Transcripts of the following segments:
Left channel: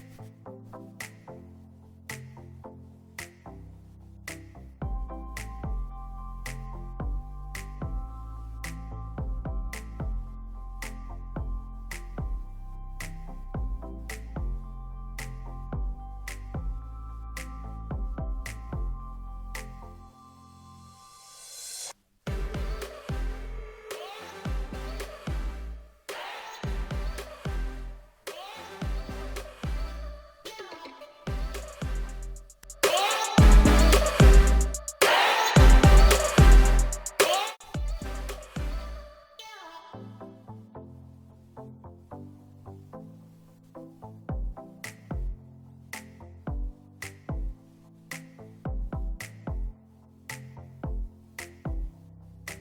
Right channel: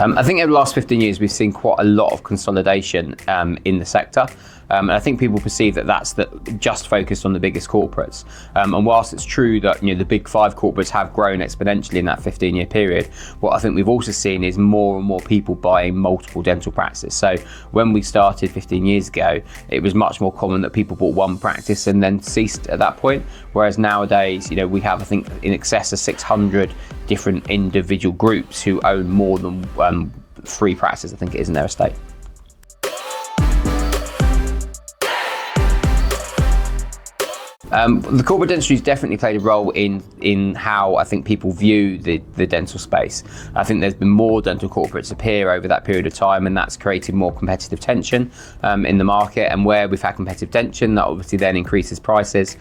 I think over the last 15 years, we've seen quite a lot of consolidation in the sector. And I think people perceive that that's just focused on the biggest corporates. And whilst it's true that the big 5 corporates have grown exponentially in that 15-year period, what I think we've also seen is more and more people buying multiple dental practices. So when we started 15 years ago, it was much more common that people bought one practice and then ceased at that point. Whereas nowadays, we have, I think, in excess of 600 different individual groups who own more than 3 practices, I think it is, in their estate. The corporate dentistry has definitely played a role in how I think people view the dental space. I think there's been more dental corporates appear over that period of time, and that's created more competitive tension in the market. And where we've had competitive tension, that obviously then increases prices.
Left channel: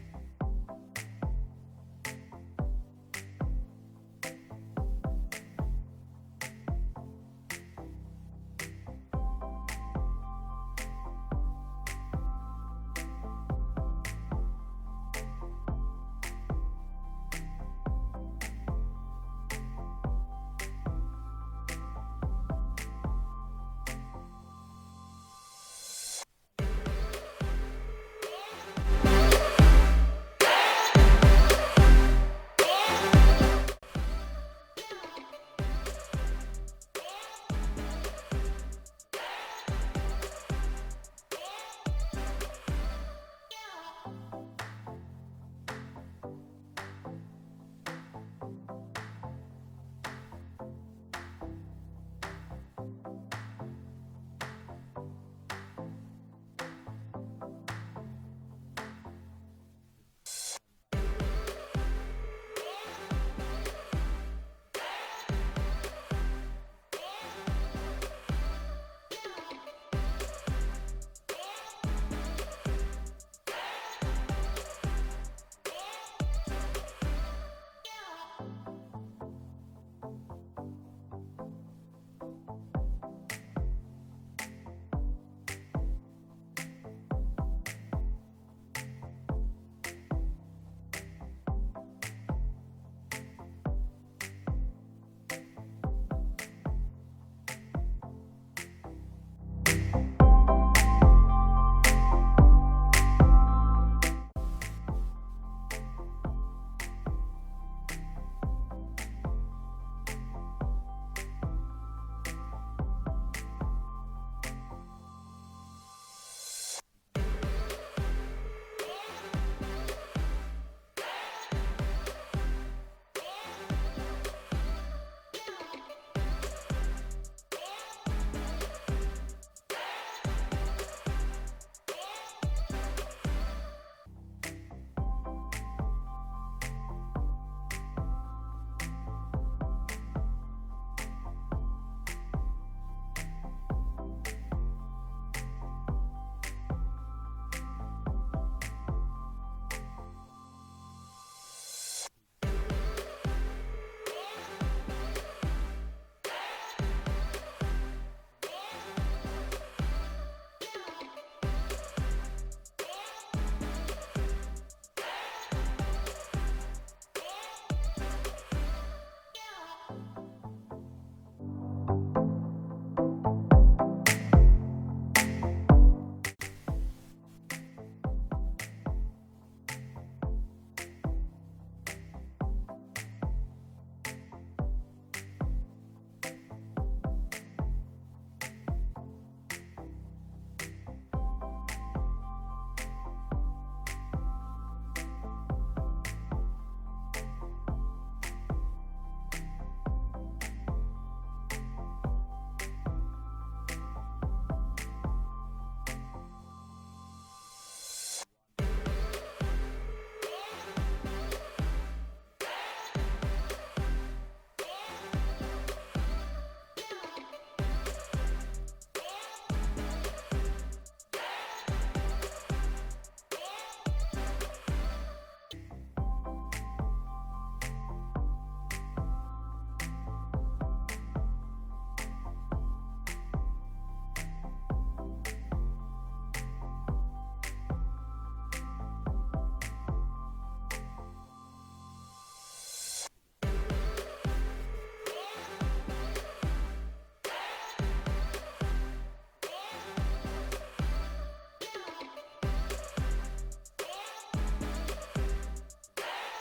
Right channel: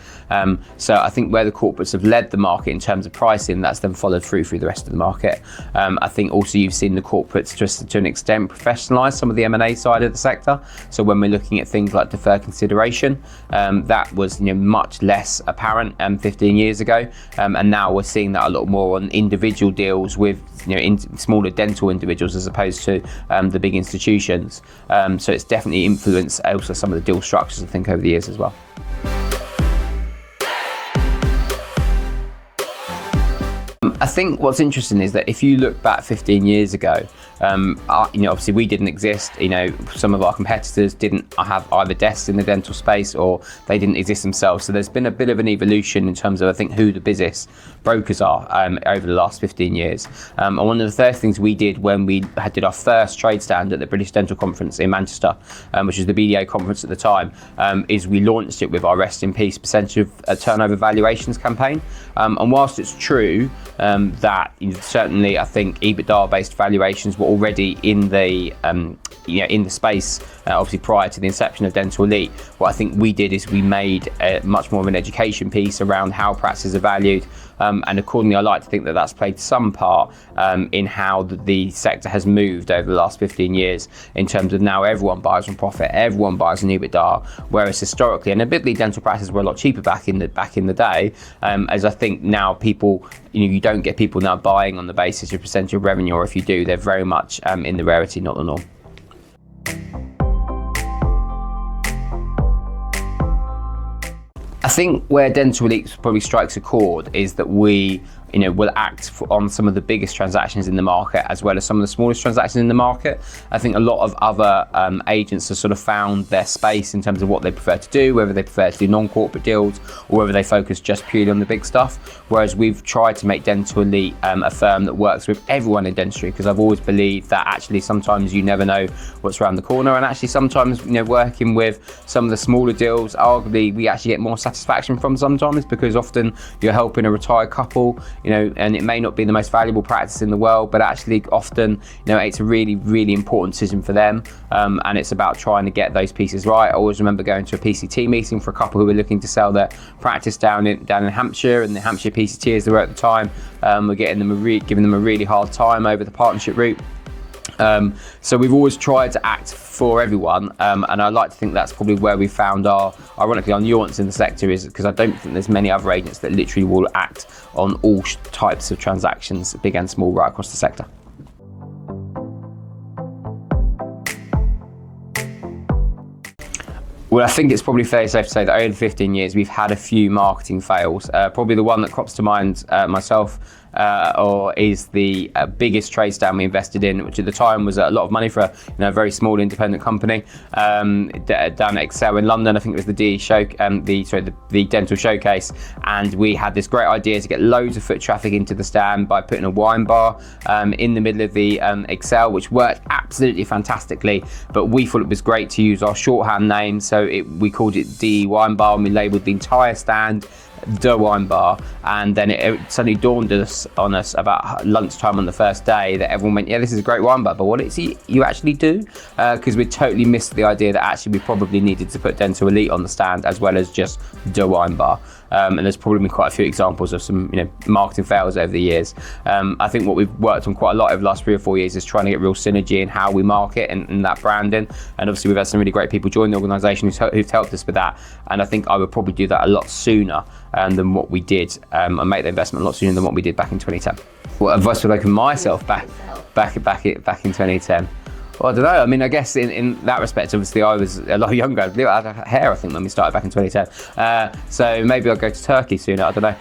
So I think where the corporates have led the market in terms of pricing, that's then followed through the rest of the market. I think also you've seen the corporates just to an extent professionalise some of the M&A side of the sector. So when we're looking at things like deferred consideration, that was much less apparent 15 years ago, and now we're seeing that a lot more on individual deals with smaller dental individuals as opposed to the big institutions. So it's definitely influenced also some of the deal structures, I think, over the years as well. I think what's interesting is that if you look back 15 years ago, obviously we didn't exist. Some of our competitors didn't have either desks in the dental space or they didn't exist themselves. So there's been a bit of an evolution in terms of, I think, who the business brokers are over the last 15 years. And one of the first things we did when we did our first trade stand at the British Dental Conference in Manchester, which was the BDA conference at the time, is we launched it with our Rest in Peace percentage of turnover valuations campaign. And whilst it's true that certainly I think EBITDA-based valuations were already in the space, obviously prior to the inception of Dental Elite, what I think we did is we made much more of an education piece around how practices are valued. And accordingly, I like to think that that's played some part in how the sector has moved over the last 15 years in terms of now everyone buys on profit, everyone buys on EBITDA, whereas historically, and admittedly dental practices were a lot cheaper back in the day, as I think now people, you don't get people now buying on the basis of percentage of revenue, or if you do, they're very much in the rarity, not the norm. I think where Dental Elite probably strikes a chord is that we will act on some of the biggest transactions in the market as well as some of the smallest transactions in the market. I think a lot of other agents have sort of found their space in terms of what they prefer to do, whether they prefer to do non-corporate deals or whether they focus just purely on the big stuff. Whereas we've tried to make Dental Elite a firm that works with everyone in dentistry, because I've always believed that actually sometimes you never know what's around the corner, and actually sometimes working with some of the smaller deals, arguably we actually get more satisfaction from sometimes, because often you're helping a retired couple, and it may not be the most valuable practice in the world, but actually often, it's a really, really important decision for them. And it's about trying to get those pieces right. I always remember going to a PCT meeting for a couple who were looking to sell their practice down in Hampshire, and the Hampshire PCT, as they were at the time, were giving them a really hard time over the partnership route. So we've always tried to act for everyone, and I like to think that's probably where we found ironically, our nuance in the sector, is because I don't think there's many other agents that literally will act on all types of transactions, big and small, right across the sector. Well, I think it's probably fairly safe to say that over 15 years, we've had a few marketing fails. Probably the one that crops to mind myself or is the biggest trade stand we invested in, which at the time was a lot of money for a very small independent company down at Excel in London. I think it was the dental showcase, and we had this great idea to get loads of foot traffic into the stand by putting a wine bar in the middle of the Excel, which worked absolutely fantastically. But we thought it was great to use our shorthand name, so we called it DE Wine Bar, and we labelled the entire stand The Wine Bar. And then it suddenly dawned on us about lunchtime on the first day that everyone went, yeah, this is a great wine bar, but what is it you actually do? Because we totally missed the idea that actually we probably needed to put Dental Elite on the stand as well as just The Wine Bar. And there's probably been quite a few examples of some marketing fails over the years. I think what we've worked on quite a lot over the last 3 or 4 years is trying to get real synergy in how we market and that branding. And obviously we've had some really great people join the organisation who've helped us with that. And I think I would probably do that a lot sooner than what we did, and make the investment a lot sooner than what we did back in 2010. What advice would I give myself back in 2010? Well, I don't know. I mean, I guess in that respect, obviously, I was a lot younger. I had hair, I think, when we started back in 2010. So maybe I'll go to Turkey sooner. I don't know.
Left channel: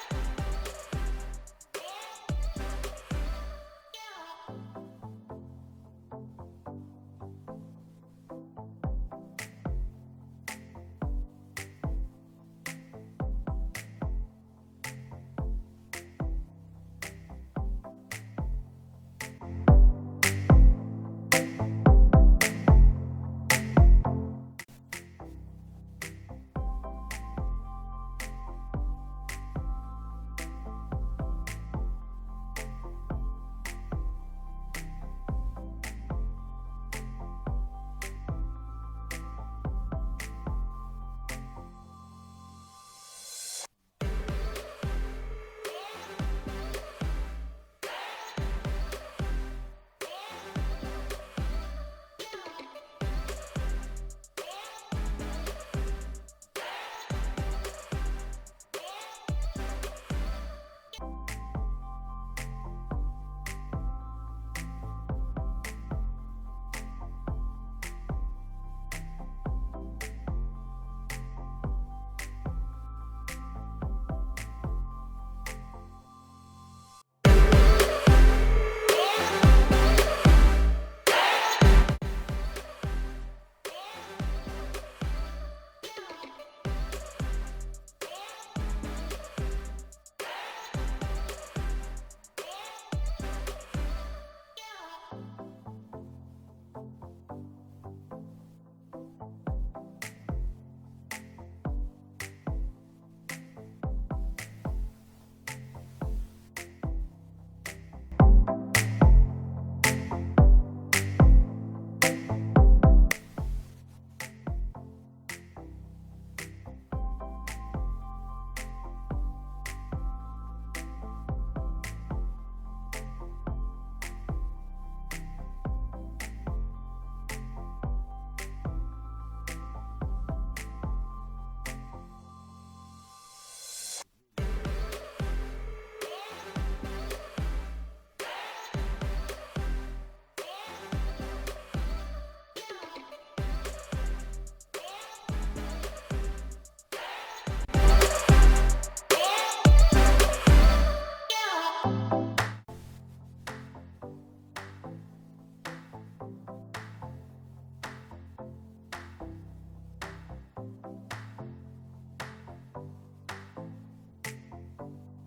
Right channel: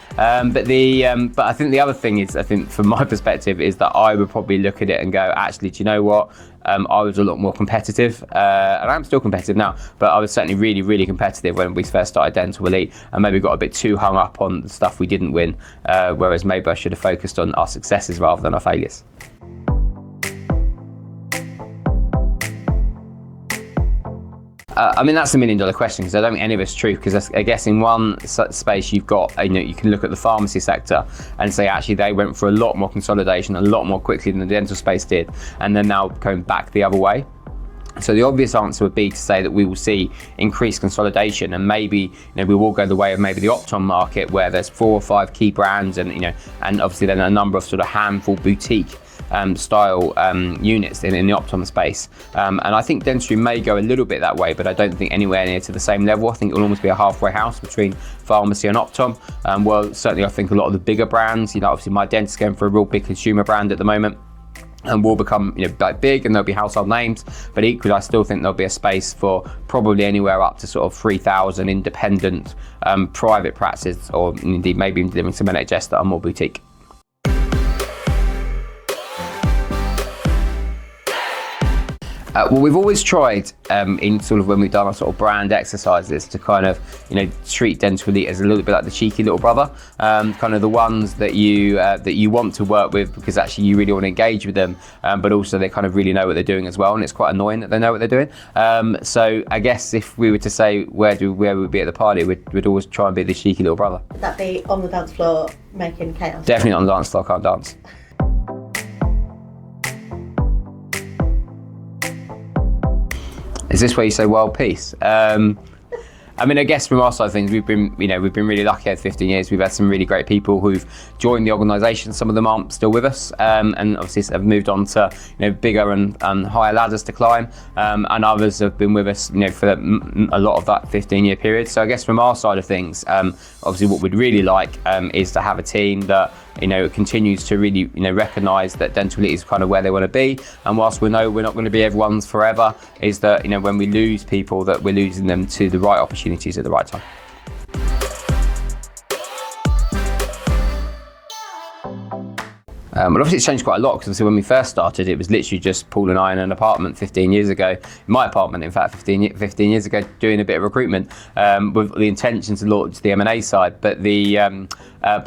But I think the other thing is, I think from my perspective, is that I would probably look at it and go, actually, do you know what? I was a lot more competitive, and I'm still competitive now, but I was certainly really, really competitive when we first started Dental Elite, and maybe got a bit too hung up on the stuff we didn't win, whereas maybe I should have focused on our successes rather than our failures. I mean, that's $1 million question, because I don't think any of it's true, because I guess in one space you've got, you can look at the pharmacy sector and say actually they went for a lot more consolidation, a lot more quickly than the dental space did, and they're now going back the other way. So the obvious answer would be to say that we will see increased consolidation, and maybe we will go the way of maybe the Optom market, where there's 4 or 5 key brands, and and obviously then a number of sort of handful boutique style units in the Optom space. And I think dentistry may go a little bit that way, but I don't think anywhere near to the same level. I think it will almost be a halfway house between pharmacy and Optom. Well, certainly I think a lot of the bigger brands, obviously my dentist going for a real big consumer brand at the moment, and will become like big, and there'll be household names, but equally I still think there'll be a space for probably anywhere up to sort of 3,000 independent private practices, or indeed maybe even delivering some NHS that are more boutique. Well, we've always tried in sort of when we've done our sort of brand exercises to kind of treat Dental Elite as a little bit like the cheeky little brother, kind of the ones that you want to work with because actually you really want to engage with them, but also they kind of really know what they're doing as well, and it's quite annoying that they know what they're doing. So I guess if we were to say where we'd be at the party, we'd always try and be the cheeky little brother. Would that be on the dance floor making chaos? Definitely on the dance floor, I can't dance. Is this where you say world peace? I mean, I guess from our side of things, we've been really lucky over 15 years. We've had some really great people who've joined the organisation. Some of them aren't still with us, and obviously have moved on to bigger and higher ladders to climb, and others have been with us for a lot of that 15-year period. So I guess from our side of things, obviously what we'd really like is to have a team that continues to really recognise that Dental Elite is kind of where they want to be, and whilst we know we're not going to be everyone's forever, is that when we lose people, that we're losing them to the right opportunities at the right time. Well, obviously it's changed quite a lot, because when we first started, it was literally just Paul and I in an apartment 15 years ago, my apartment in fact 15 years ago, doing a bit of recruitment with the intention to launch the M&A side. But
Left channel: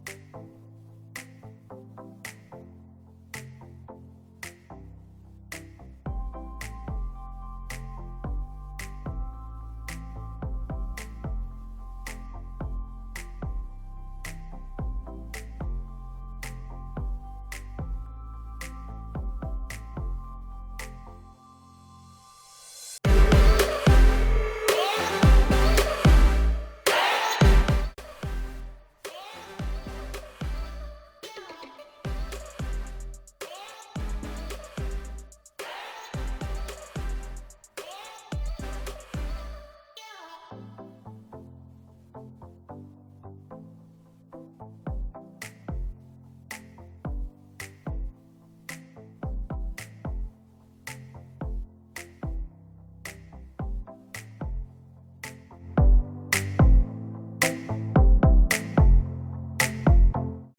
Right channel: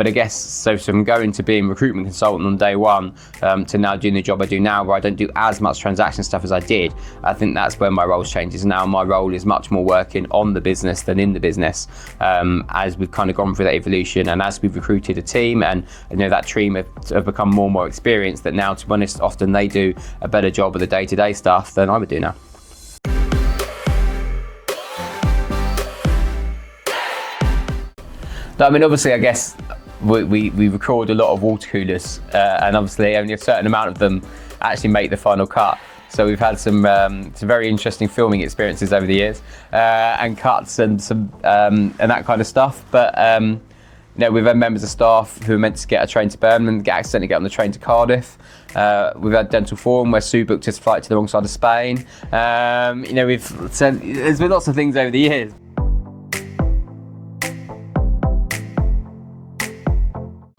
I guess, so from going to being recruitment consultant on day one to now doing the job I do now, where I don't do as much transaction stuff as I did, I think that's where my role changes. Now my role is much more working on the business than in the business, as we've kind of gone through that evolution, and as we've recruited a team, and that team have become more and more experienced, that now, to be honest, often they do a better job of the day-to-day stuff than I would do now. I mean, obviously, I guess we record a lot of water coolers, and obviously only a certain amount of them actually make the final cut. So we've had some very interesting filming experiences over the years, and cuts and that kind of stuff. But we've had members of staff who are meant to get a train to Birmingham and accidentally get on the train to Cardiff. We've had Dental Forum where Sue booked his flight to the wrong side of Spain. There's been lots of things over the years.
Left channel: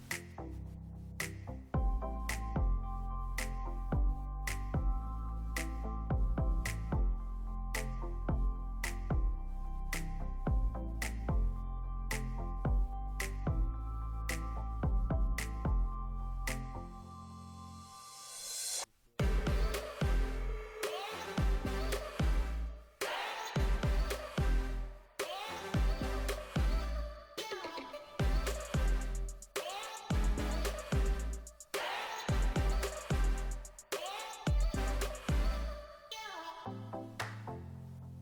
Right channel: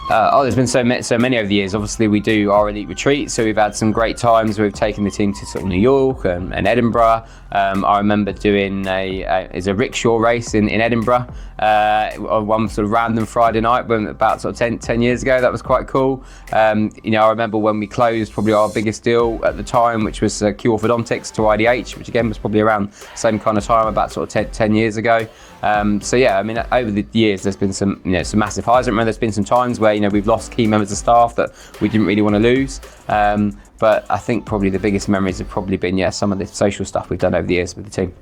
There's been so many over the years. Obviously, we do our elite retreats, so we've had some great times. We've taken the team to sort of New York and Edinburgh. I remember doing a rickshaw race in Edinburgh, one sort of random Friday night, about sort of 10 years ago. That was quite cool. I remember when we closed probably our biggest deal at the time, which was Q Orthodontics to IDH, which again was probably around the same kind of time, about sort of 10 years ago. So yeah, I mean, over the years, there's been some massive highs. I remember there's been some times where we've lost key members of staff that we didn't really want to lose. But I think probably the biggest memories have probably been some of the social stuff we've done over the years with the team.